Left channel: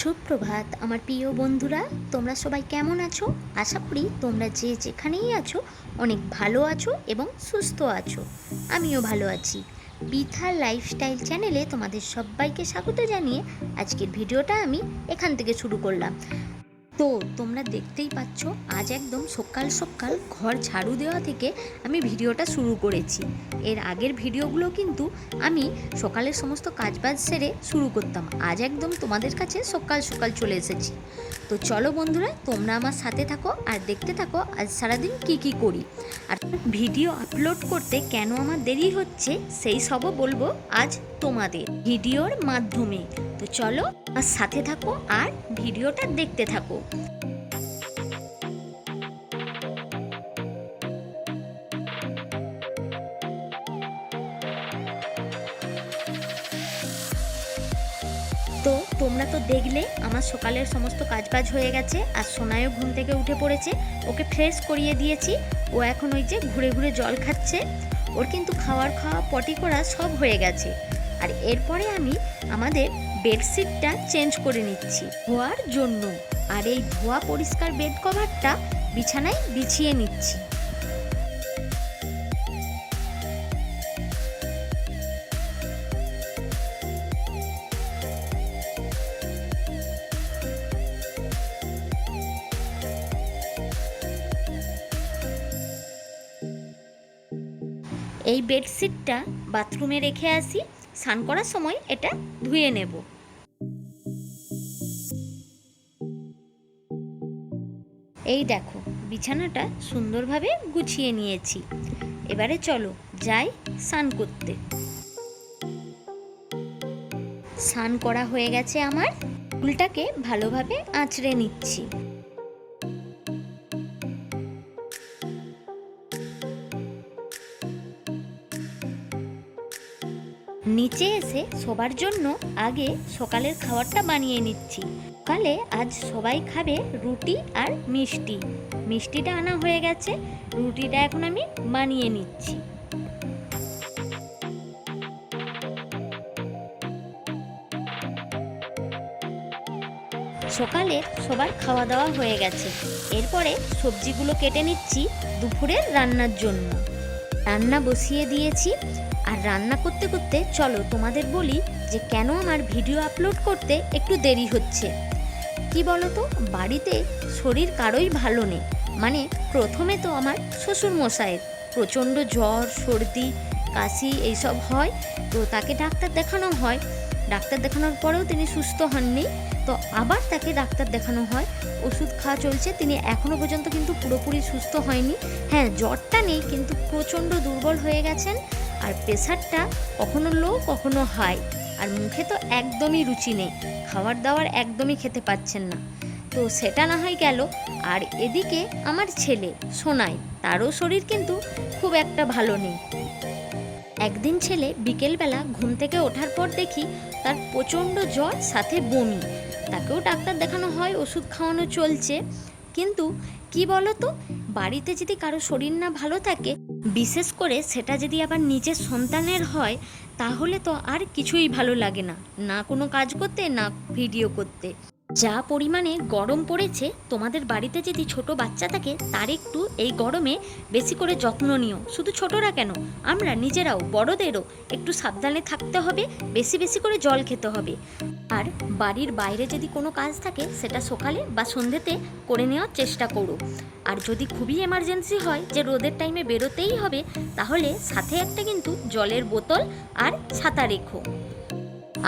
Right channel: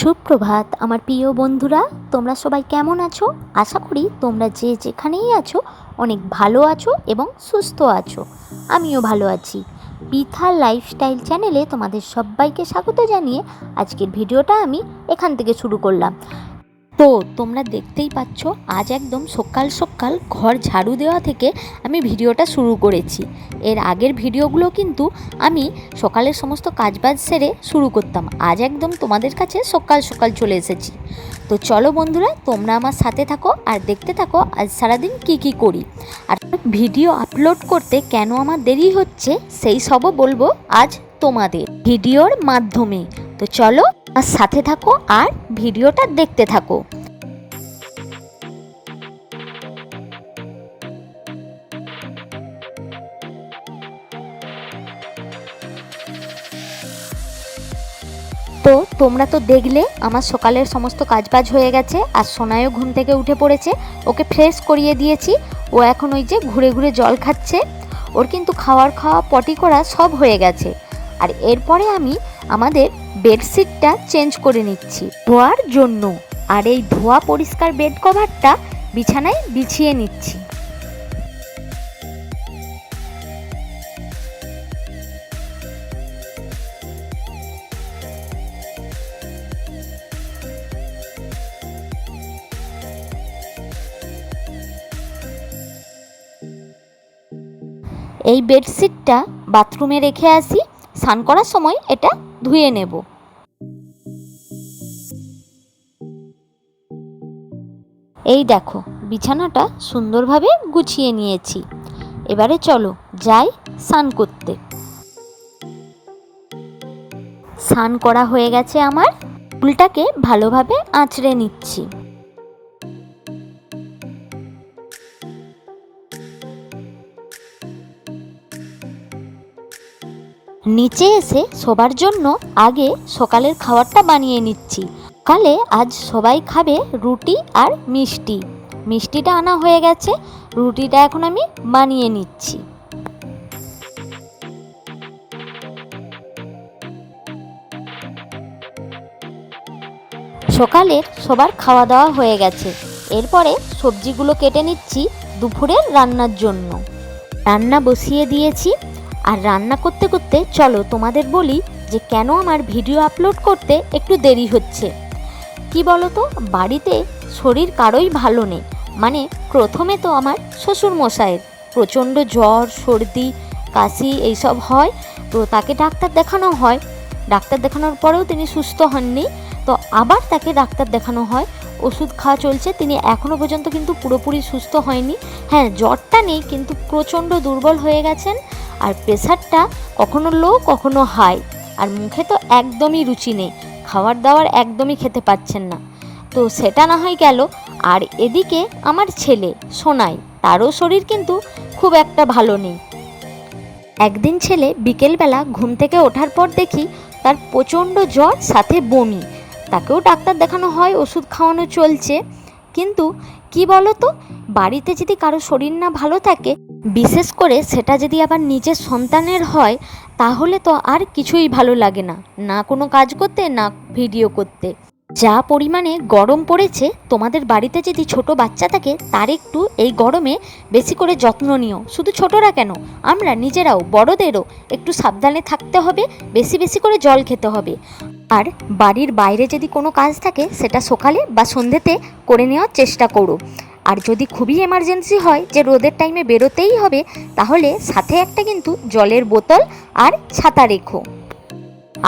সুপ্রভাত আমার প্রিয় বন্ধুরা, তোমরা সবাই কেমন আছো? আশা করি তোমরা যে যেখানেই আছো অনেক ভালো আছো এবং সুস্থ আছো। আমিও ভালো আছি। পিথার লাইফস্টাইল চ্যানেলে তোমাদের সবাইকে স্বাগত জানিয়ে আজকের ভিডিওটা আমি এখান থেকে শুরু করলাম। তো তোমরা দেখতেই পাচ্ছ, আজ একদম সকাল সকাল ঘর ঝাড়ু দেওয়া থেকে আমি ভিডিওটা শুরু করেছি। এর আগের ভিডিওগুলো কিন্তু আমি সকালের সমস্ত কাজবাজ সেরে শুরু করতাম। আজ একদম তোমাদের কাছে সকাল সকাল চলে এসেছি। তো চলো বন্ধুরা, তোমরা আমার সাথে থাকো আর দেখতে থাকো আজ সারাদিন কি করি। আর ভিডিও আপলোড করতে কেন আমার দেরি হচ্ছে সেই সবও বলবো আজ তোমাদের ভিডিওর মাধ্যমে। তো চলো আর সাথে থাকো আর ভিডিওটা দেখতে থাকো। তো তোমরা তো দেখলে আমার সকালের সমস্ত কাজবাজ হয়ে গেছে, আর সোনাইও ঘুম থেকে উঠে পড়েছে। ওকে ফ্রেশ করিয়ে দিয়েছি। ও এখন ওই যে ঘুরে ঘুরে জল খাচ্ছে। ওর কিন্তু খাওয়া পটি করা সব হয়ে গেছে। আর এরপরে আমি আমাদের বেডশিটটা চেঞ্জ করে নিচ্ছি ধোয়ার জন্য। আর এই ধোয়া পরিষ্কার বেড কভারটা বিছানায় বিছিয়ে নিচ্ছি। এই বেডশিটটা বাথরুমে রেখে আসি, স্নান করার সময় এটা ধুয়ে নেব। এই দেখো, বিছানাটা সুন্দরভাবে গুছিয়ে নিয়েছি। এবারে চলো যাই স্নান করতে। স্নান করা হয়ে গেছে আমার। চুলটাকে ভালোভাবে আঁচড়ে নিচ্ছি। নিচে এসে সবার জন্য আগে সকালের খাবারটা বানিয়ে নিচ্ছি। সকালে আজ সবাই খাবে রুটি আর মিষ্টি। মিষ্টিটা আনা হয়ে গেছে, রুটিটা এখন আমি বানিয়ে নিচ্ছি। সকালের সবার খাওয়া দাওয়া হয়ে গেছে। এরপরে সবজিগুলো কেটে নিচ্ছি দুপুরের রান্নার জন্য। রান্না বসিয়ে দিয়েছি। আর রান্না করতে করতে চলো তোমাদের বলি যে কেন আমার ভিডিও আপলোড করতে একটু দেরি হচ্ছে। কি বলো তো, বাড়িতে শরীর কারোই ভালো নেই। মানে প্রথমে তো আমার শ্বশুর মশাইয়ের প্রচণ্ড জ্বর, সর্দি, কাশি এইসব হয়। তো তাকে ডাক্তার দেখানো হয়। ডাক্তার দেখানোর পরেও তিনি সুস্থ হননি। তো আবার তাকে ডাক্তার দেখানো হয়, ওষুধ খাওয়া চলছে। তিনি এখনও পর্যন্ত কিন্তু পুরোপুরি সুস্থ হয়নি। হ্যাঁ, জ্বরটা নেই, কিন্তু প্রচণ্ড দুর্বল হয়ে গেছেন। আর প্রেশারটা কখনো লো কখনো হাই। আর মুখে তো একদমই রুচি নেই, খাবার দাবার একদমই খেতে পাচ্ছেন না। তো সেটা না হয় গেল। আর এদিকে আমার ছেলে সোনাই, তারও শরীর কিন্তু খুব একটা ভালো নেই। একদিন ছেলে বিকেলবেলা ঘুম থেকে ওঠার পর দেখি তার প্রচণ্ড জ্বর, সাথে বমি। তাকেও ডাক্তার দেখানো হয়, ওষুধ খাওয়ানো চলছে। কিন্তু কি বলো তো, বাড়িতে যদি কারো শরীর না ভালো থাকে, বিশেষ করে সেটা যদি আবার নিজের সন্তানের হয়, তাহলে তো আর কিছুই ভালো লাগে না, না কোনো কাজ করতে, না ভিডিও করতে। যা পরিমাণে গরম পড়েছে, তোমাদের বাড়িতে যদি ছোট বাচ্চা থাকে তার একটু এই গরমে বেশি করে যত্ন নিও। শুধু ছোটরা কেন, আমরা নিজেরাও, বড়দেরও একটু সাবধানে থাকতে হবে। বেশি বেশি করে জল খেতে হবে। আর বাড়ির বাইরে যদি কোনো কাজ থাকে সেটা সকালে বা সন্ধ্যেতে করে নেওয়ার চেষ্টা করো। আর যদি খুবই এমার্জেন্সি হয় যে রোদের টাইমে বেরোতেই হবে, তাহলে সাথে একটা কিন্তু জলের বোতল আর ছাতা রেখো।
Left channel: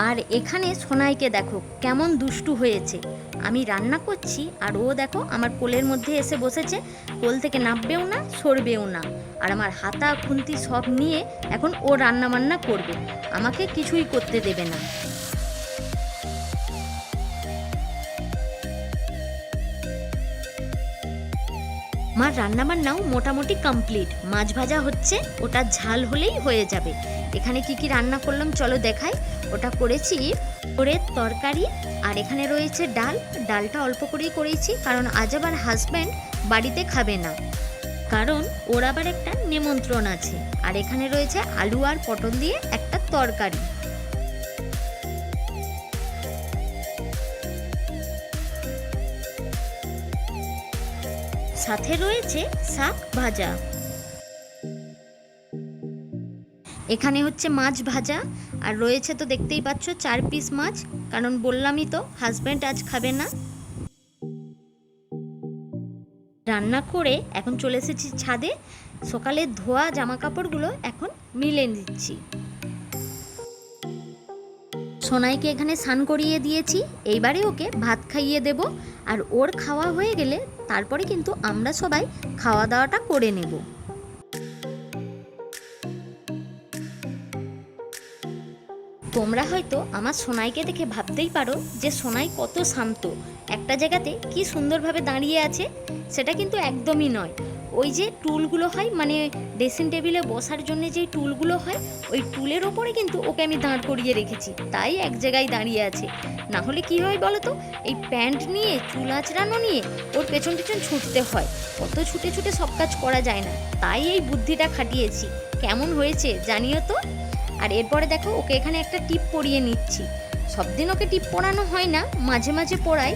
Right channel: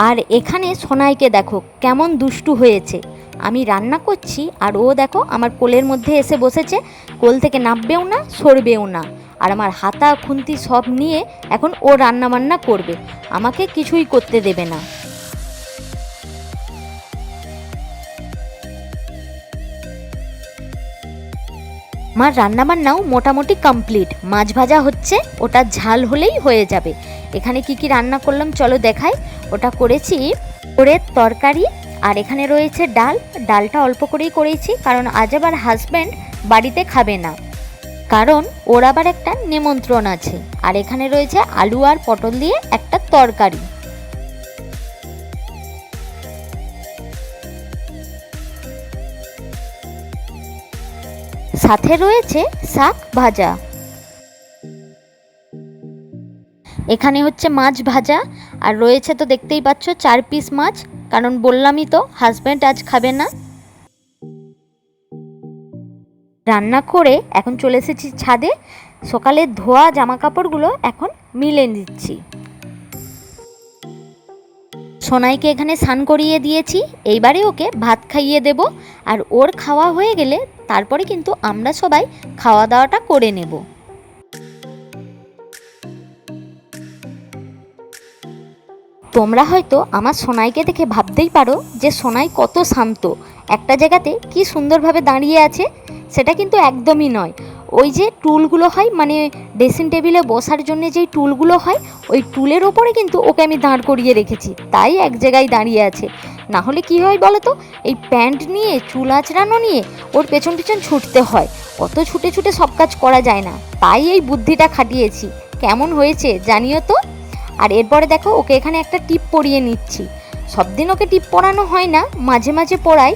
আর এখানে সোনাইকে দেখো কেমন দুষ্টু হয়েছে। আমি রান্না করছি আর ও দেখো আমার কোলের মধ্যে এসে বসেছে। কোল থেকে নামবেও না, সরবেও না। আর আমার হাতা খুন্তি সব নিয়ে এখন ও রান্না বান্না করবে, আমাকে কিছুই করতে দেবে না। আমার রান্নাবান্নাও মোটামুটি কমপ্লিট। মাছ ভাজা হচ্ছে, ওটা ঝাল হলেই হয়ে যাবে। এখানে কি রান্না করলাম চলো দেখাই। ওটা করেছি ওরের তরকারি, আর এখানে রয়েছে ডাল। ডালটা অল্প করেই করেছি, কারণ আজ আবার হাজব্যান্ড বাড়িতে খাবে না, কারণ ওর আবার একটা নিমন্ত্রণ আছে। আর এখানে রয়েছে আলু আর পটল দিয়ে একটা তরকারি। সাথে রয়েছে শাক ভাজা। এখানে হচ্ছে মাছ ভাজা, আর রয়েছে তো দেখতেই পাচ্ছ 4 পিস মাছ, কারণ বললামই তো হাজব্যান্ড আজ খাবে না। রান্না করে এখন চলে এসেছি ছাদে। সকালে ধোয়া জামা কাপড়গুলো এখন মিলে দিচ্ছি। সোনাইকে এখানে স্নান করিয়ে দিয়েছি, এইবারে ওকে ভাত খাইয়ে দেব। আর ওর খাওয়া হয়ে গেলে তারপরে কিন্তু আমরা সবাই খাওয়া দাওয়াটা করে নেব। তোমরা হয়তো আমার সোনাইকে দেখে ভাবতেই পারো যে সোনাই কত শান্ত, একটা জায়গাতে কি সুন্দরভাবে দাঁড়িয়ে আছে। সেটা কিন্তু একদমই নয়। ওই যে টুলগুলো হয়, মানে ড্রেসিং টেবিলে বসার জন্য যেই টুলগুলো হয়, ওই টুলের ওপরে কিন্তু ওকে আমি দাঁড় করিয়ে রেখেছি, তাই এক জায়গায় দাঁড়িয়ে আছে। না হলে কি হয় বলো তো, এই প্যান্ট নিয়ে চুল আঁচড়ানো নিয়ে ওর পেছন পেছন ছুটতে হয়, কত ছুটে ছুটে সব কাজ করা যায় না, তাই এই বুদ্ধিটা খাটিয়েছি। কেমন হয়েছে জানিও তো। আর এরপরে দেখো ওকে এখানে একটা টিপ পরিয়ে নিচ্ছি। সব দিন ওকে টিপ পরানো হয় না, মাঝে মাঝে পরাই।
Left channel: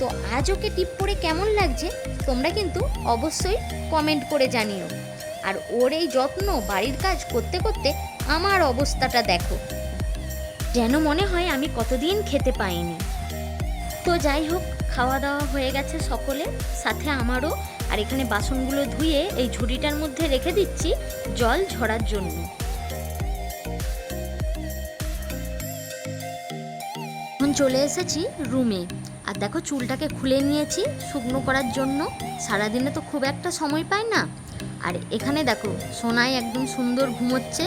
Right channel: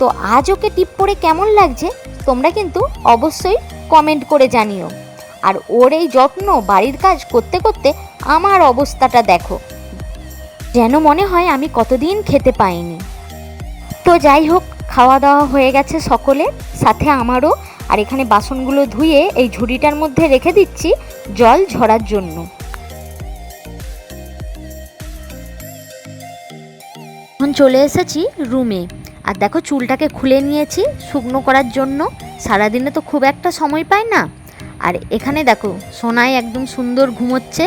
তো আজ ওকে টিপ পরে কেমন লাগছে তোমরা কিন্তু অবশ্যই কমেন্ট করে জানিও। আর ওর এই যত্ন, বাড়ির কাজ করতে করতে আমার অবস্থাটা দেখো, যেন মনে হয় আমি কতদিন খেতে পাইনি। তো যাই হোক, খাওয়া দাওয়া হয়ে গেছে সকলের, সাথে আমারও। আর এখানে বাসনগুলো ধুয়ে এই ঝুড়িটার মধ্যে রেখে দিচ্ছি জল ঝরার জন্য। এখন চলে এসেছি রুমে, আর দেখো চুলটাকে খুলে নিয়েছি শুকনো করার জন্য। সারাদিনে তো খুব একটা সময় পাই না। আর এখানে দেখো সোনাই একদম সুন্দর ঘুমোচ্ছে।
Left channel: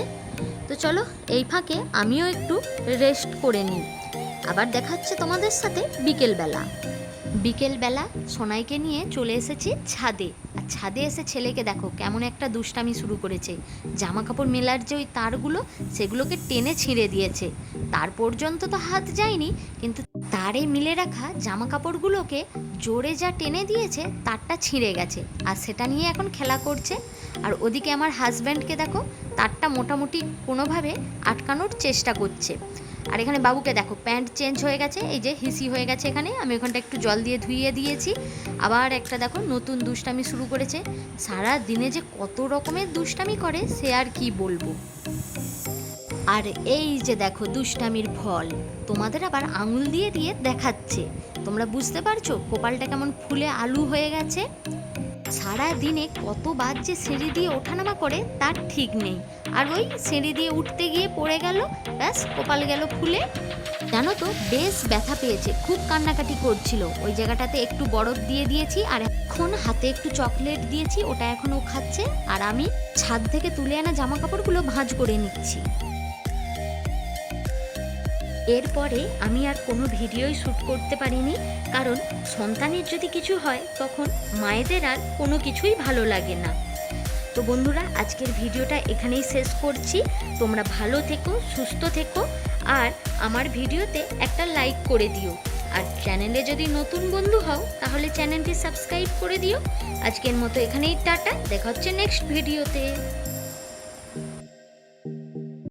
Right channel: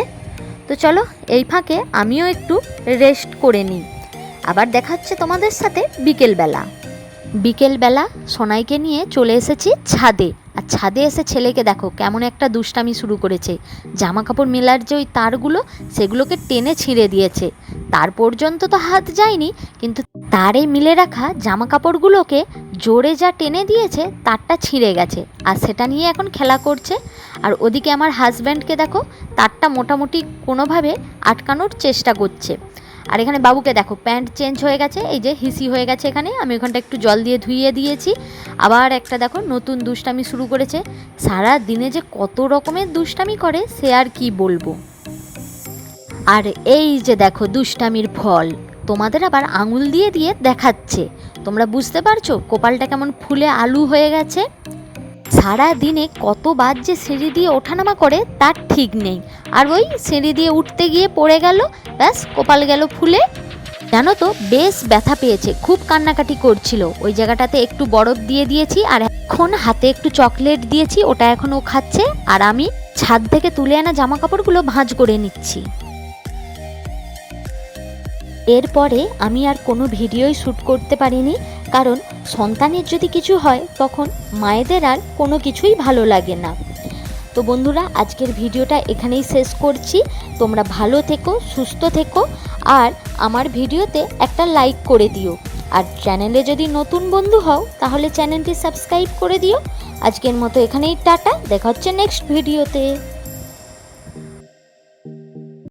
তো চলো এই ফাঁকে আমিও একটু রেস্ট করে নিই। আবার দেখা হচ্ছে তোমাদের সাথে বিকেলবেলা সোনাইকে নিয়ে চলে এসেছি ছাদে। আর ছাদে এসে ছেলেকে দেখো কেমন একটা দুষ্টামি শুরু করেছে। জামা কাপড় মেলার যে ওই তারগুলো, সেগুলোকে টেনে ছিঁড়ে দিয়েছে। তার পর্যন্ত তো হাত যায়নি, কিন্তু তারে মিলে রাখা জামা কাপড়গুলোকে জোরে যা টেনে দিয়েছে, তারটা ছিঁড়ে গেছে। আর সেটা নিয়ে এখন খেলা করছে। আর ওদিকে আমার হাজব্যান্ডকে দেখো তারটা মোটামুটি কোনোভাবে আটকানোর চেষ্টা করছে। আর এখানে বাবুকে দেখো প্যান্ট চেঞ্জ হয়ে গেছে, এই যে হিসি হয়ে গেছে এখানে, আমি ওখানটা একটু জল দিয়ে ধুইয়ে দিয়েছি। আবার একটা দেখো নতুন দুষ্টামি শুরু করেছে। সারা দিনে যে কত রকমের দুষ্টামি করে সে আর কি বলবো। আর এই যে দেখো দুষ্টামির ফল, তোমাদের আবার আঙুল দিয়ে দিয়ে দেখাচ্ছে। তোমরা বুঝতে পারছো কপালটা কেমন ফুলে আলু হয়ে গেছে। সারা দিনে কতবার যে সিঁড়ি দিয়ে ওঠানামা করে তার ঠিক নেই। আর ওই সিঁড়ি দিয়ে উঠতে গিয়ে পড়ে গেল, ব্যাস কপাল গেল ফুলে। জানো তো বেশ ব্যথা পেয়েছে, খুব কান্নাকাটি করছিল। ওই জায়গাটাতে একটু বরফ দিয়ে দিয়েছি, আর এখন হাতে একটু চকলেট দিয়েছি, ওটা এখন ও খাচ্ছে। আর আমি ছাদ থেকে তুলে আনা জামা কাপড়গুলো ভাঁজ করে নিচ্ছি। এরপরে আমি আর কোনো ভিডিওই শ্যুট করতে পারিনি, কারণ সন্তানের যদি কিছু হয় তখন মায়েদের আর কোনো কিছুই ভালো লাগে না। তো বন্ধুরা, আজকের ভিডিওটা এখানেই শেষ করছি। তোমরা ভালো থেকো, সুস্থ থেকো, আর আমার ভিডিওতে একটা লাইক করে দিও। আর চ্যানেলে যদি নতুন বন্ধু হও তাহলে চ্যানেলটি সাবস্ক্রাইব করে দিও। আজকের মতো এখানেই টাটা, দেখা হচ্ছে নেক্সট ভিডিওতে।